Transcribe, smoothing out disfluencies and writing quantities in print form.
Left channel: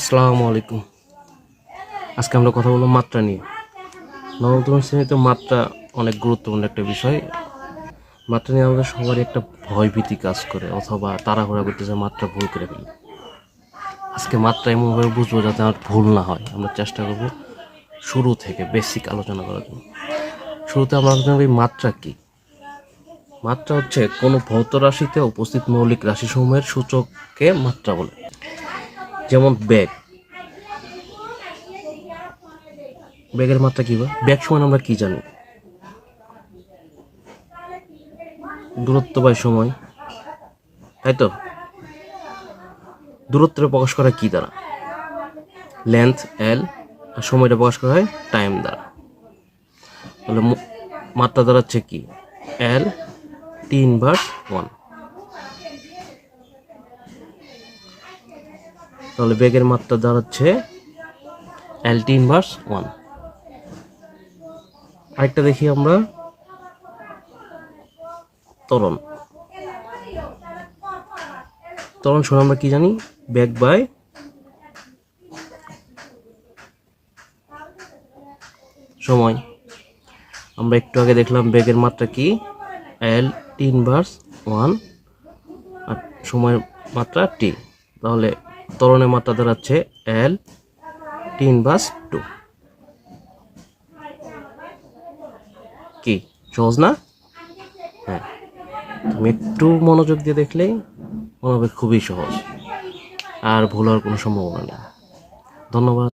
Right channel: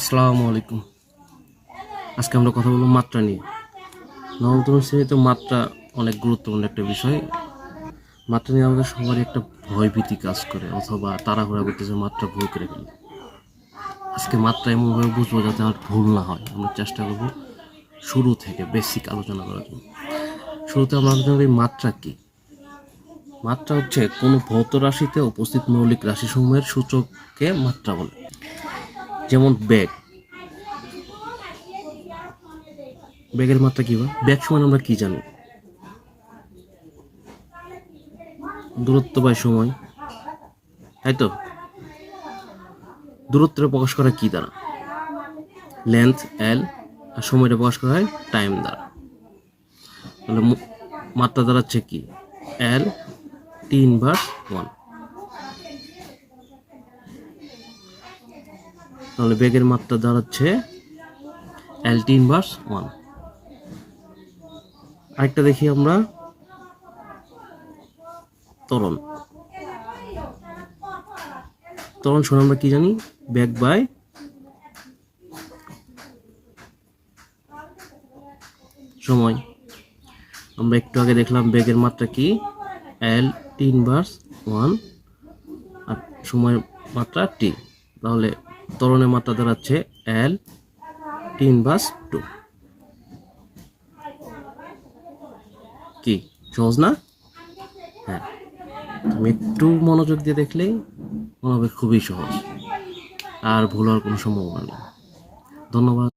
আসসালামু আলাইকুম। আজকে আমরা কথা বলবো মাত্রা নিয়ে। নবম শ্রেণীতে মাত্রা অনেক গুরুত্বপূর্ণ একটা বিষয়। মাত্রা নিয়ে আমাদের সবারই একটা ভয়ভীতি কাজ করে, অথবা তাড়াহুড়া করতেছে মাত্রা ভুল করে ফেলি। আজকে মাত্রা এমনভাবে বুঝবো যাতে আমার ভুল না হয়। আমরা চেষ্টা করবো শুরু থেকে বেসিক আলোচনা করার জন্য। শুরুতে আমরা আলোচনা করি মাত্রা কী। মাত্রা হচ্ছে কোনো ভৌত রাশিতে উপস্থিত মৌলিক রাশিসমূহের সূচককে মাত্রা বলে। যেমন বেগ। বেগের মাত্রা কী? বেগ সমান আমরা কি জানি? দূরত্ব বাই সময়, তাই তো? দূরত্বটা প্রকাশ করা কি দ্বারা? লেন্থ এল, আর সময়টা প্রকাশ করা হয় টাইম দ্বারা। তাহলে মাত্রা দাঁড়াচ্ছে কি? এল টি ইনভার্স 1। তাহলে বেগের মাত্রা দাঁড়াচ্ছে এল টি ইনভার্স 1। আরেকটা দেখি আমরা, ত্বরণ। ত্বরণ সমান আমরা কি জানি? বেগ বাই সময়। আমরা একটু আগে দেখলাম বেগের মাত্রা কি? এল টি ইনভার্স 1 আর সময়ের মাত্রা টি। তাহলে ত্বরণের মাত্রা দাঁড়াচ্ছে এল টি ইনভার্স 2। কি সহজ না? হ্যাঁ, তুমি একটু মনোযোগ দিয়ে দেখলেই মনে হবে খুবই সহজ, আর ভুল হওয়ার কোনো সম্ভাবনা নেই। ধন্যবাদ।